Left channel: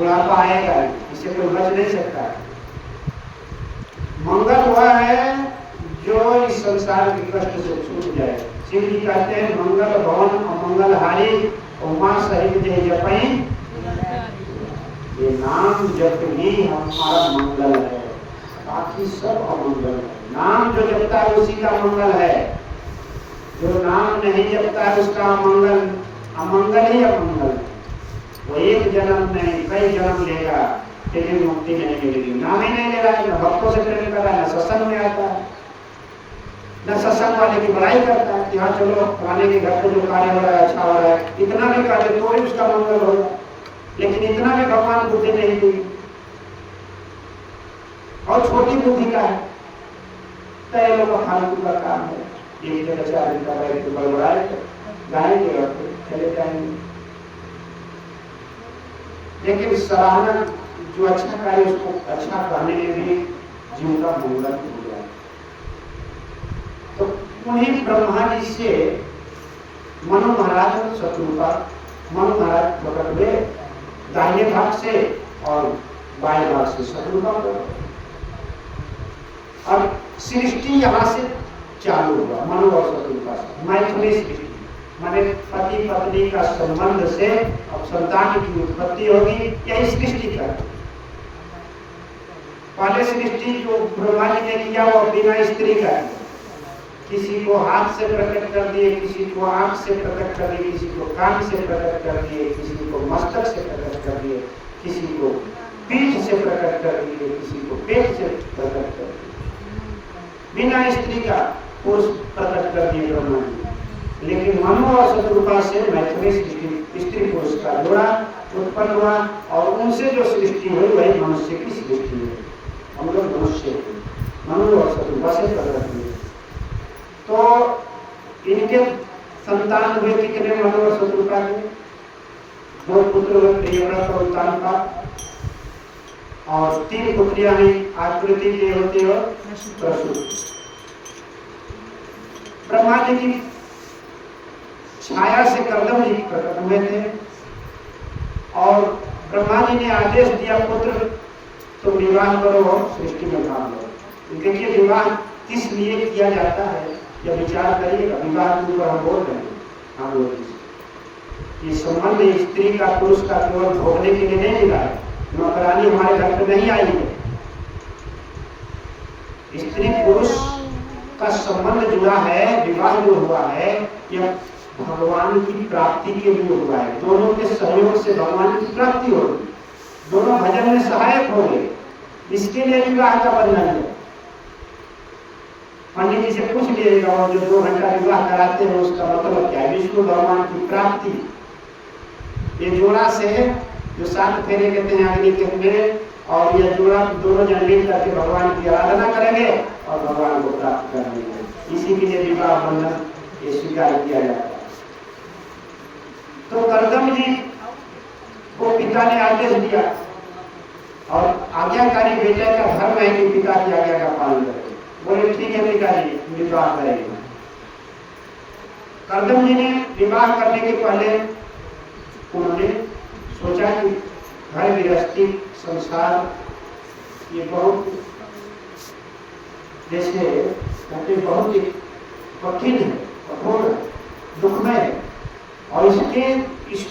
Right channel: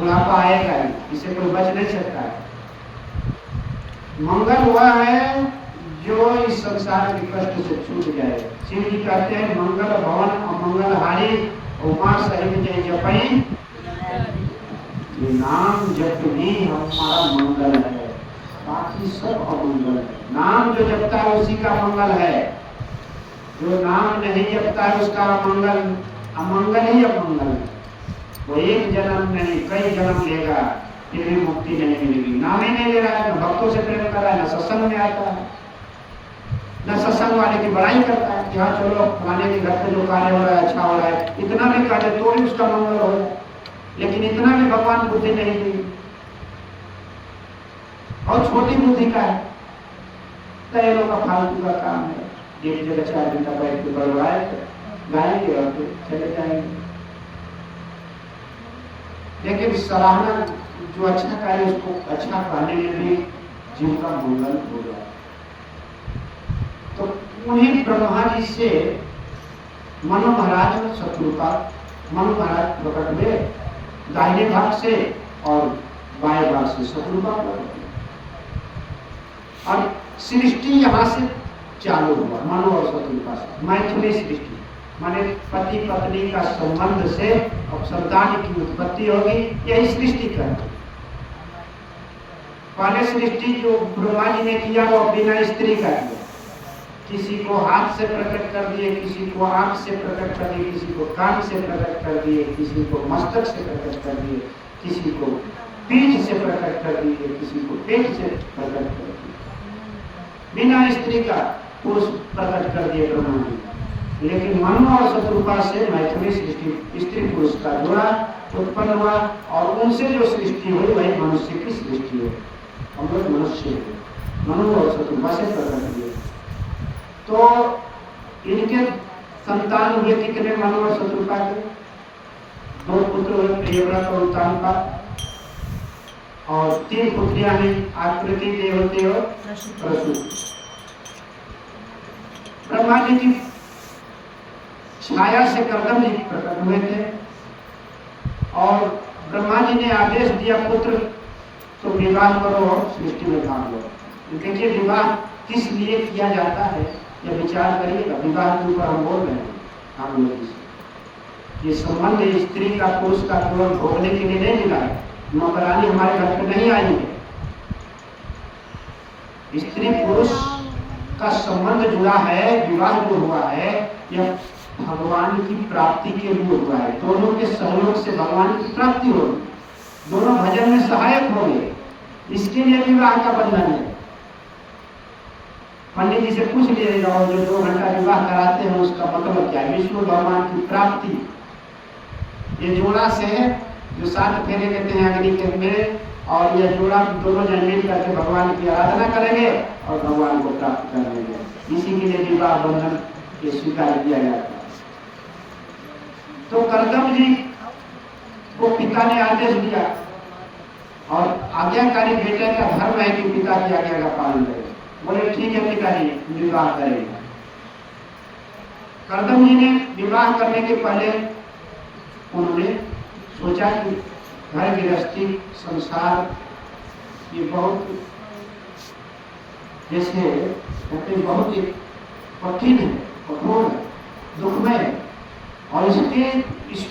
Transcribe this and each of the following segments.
बुढ़ापा आएगा, इससे कोई बच नहीं सकता। मंगल वह है जो इस संसार के कष्ट से छूट जाए। शिव जी कहते हैं मंगल भवन अमंगल हारी उमा सहित जय जपई, ये नाम जप ही हमारा मंगल है, बाकी सब अमंगल है। नाम जो जपता है उसी का मंगल है, जो नाम नहीं जपता है उसका अमंगल, अमंगल ही अमंगल है। वो एक जन्म नहीं कई जन्म लेगा फिर भी मुक्ति नहीं मिलेगी। नाम ही नहीं ले रहा है, न भक्तों से प्रेम कर रहा है, न सत्संग में आता है, न सत्संग वाले की बड़ाई करता है। यहाँ चलो फलाने के घर पे जो कार्य हो रहा है अच्छा हो रहा है, इतना भी कार्य तो भी उसका मंगल हो जाए, लेकिन इतना भी भगवान बुद्धि नहीं दी और छोटी बुद्धि का है। कई लोग का फालतू का काम है, एक जगह 4 घंटा बैठ के बोल रहा है गाएंगे और फिर चले जाएंगे। लेकिन सराहना जो अच्छा कार्य उसको अच्छा कहने में भी जीव का मंगल हो जाए। तो उन्हीं ब्रह्मा जी से मनु महाराज शत्रुपा, मनु महाराज प्रकट हुए दाहिने भाग से और बाएं भाग से शत्रुपा प्रकट हुए और सृष्टि यहाँ से चालू हुआ मनु और शत्रुपा से। मैथिली सृष्टि माने पति पत्नी का संबंध से अब संतान की उत्पत्ति होगी, यही सृष्टि कर। पहले सृष्टि जो ब्रह्मा जी ने किया वो बिना स्त्री का किया, किसी को हाथ से प्रकट कर दिए, किसी को आंख से प्रकट कर दिए, किसी को कान से प्रकट कर दिए, किसी को मस्तक से प्रकट कर दिए, किसी को पीठ से प्रकट कर दिए, किसी को पेट से प्रकट कर दिए, बिना स्त्री का पुरुष प्रकट कर दिए ब्रह्मा जी। लेकिन मनु और शत्रुपा से मैथिली सृष्टि स्त्री पुरुष का जोड़ा उत्पन्न हुआ और उनसे जो सृष्टि हुई वही मनुष्य की सृष्टि है। हम लोग मनुष्य मनु और शत्रुपा से प्रकट हुए। तो इनके संतान हुए कितने मनु और शत्रुपा के? 2 पुत्र हुए, प्रियव्रत और उत्तानपा, और 3 पुत्रियां हैं, आकृति देवते और प्रसूति। ब्रह्मा जी की छाया से कर्दम जी प्रकट हुए थे और ब्रह्मा जी ने आदेश दिया पुत्र तो विवाह करो और सृष्टि में भाग लो। देखिए विवाह किस लिए किया जाता है जब विचार करिएगा। विवाह के ऊपर हम बोल रहे हैं, हम लोग ये संबंध स्त्री का पुरुष का केवल भोगने के लिए नहीं मिला है। नौकरानी हमारे घर पे नहीं आई है, स्त्री पुरुष का संबंध जुड़ा है, विवाह जो हुआ है यह भगवान की प्राप्ति के लिए हुआ है। दोनों के सहयोग से भगवान की प्राप्ति होगी, दोनों भजन में सहायक होंगे, इसके लिए विवाह का बंधन है। पंडित जी से पूछ लीजिएगा वो जो 2 घंटा विवाह कराते हैं उसका मतलब क्या है? विष्णु भगवान की प्राप्ति। ये जोड़ा से जो 7 फेरे लेते हैं अग्नि के में, और यह जोड़ा दोनों जन मिल करके भगवान की आराधना करेंगे और भगवान को प्राप्त करेंगे। इसी के लिए विवाह बंधन ये स्वीकार किया जाता है। तो कर्दम जी को पिता ने आदेश दिया और आज्ञाकारी बेटे का धर्म है कि पिता की आज्ञा का पालन करे। बोले ठीक है पिताजी विवाह करेंगे। कर्दम जी ने विवाह करने के पहले उन्होंने सोचा कि घर गृहस्थी संसार ये बहुत जैसे कहते बहुत ही कठिन है, कठोर है, दुखमय है और इस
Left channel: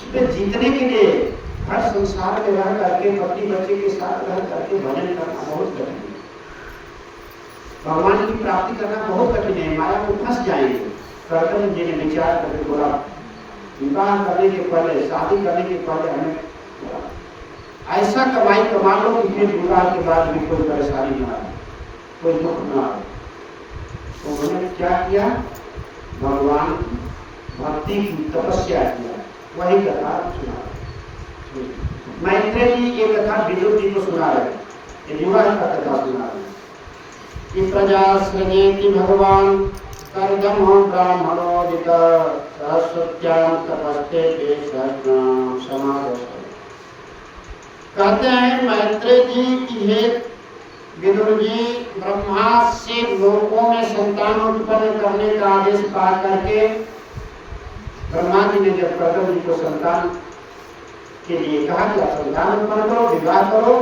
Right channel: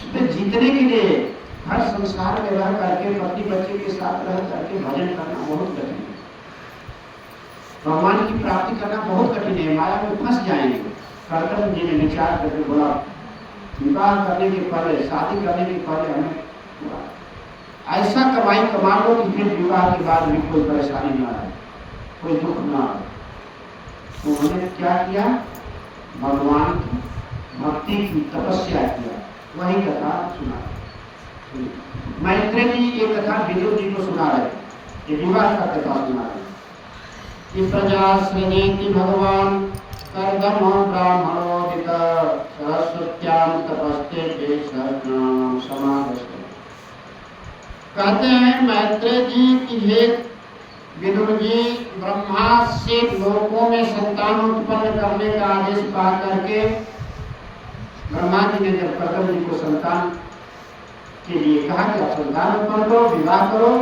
पे जीतने के लिए हर संसार में रह करके पति बच्चे के साथ रह करके भजन करना बहुत कठिन है। भगवान की प्राप्ति करना बहुत कठिन है, माया में फंस जाएंगे। कर्दम जी ने विचार करके बोला विवाह करने के पहले, शादी करने के पहले हमें ऐसा कमाई कमा लो कि फिर विवाह के बाद भी कोई परेशानी ना आए, कोई दुख ना आए। तो उन्होंने क्या किया? भगवान की भक्ति की तपस्या किया। वही कथा सुना मैत्रेय जी, ये कथा विदुर जी को सुना रहे, ये विवाह का कथा सुना रहे। ये प्रजा सृजेति भगवान कर्दमो ब्राह्मणो विद सरस्वत्यां तपस्ते देशज्ञान समागत। कहते हैं मैत्रेय जी की हे विदुर जी, ब्रह्मा से लोकों में संतान उत्पन्न करने का आदेश पा करके ब्रह्मा जी ने जब कर्दम जी को संतान के लिए कहा कि आप संतान उत्पन्न करो, विवाह करो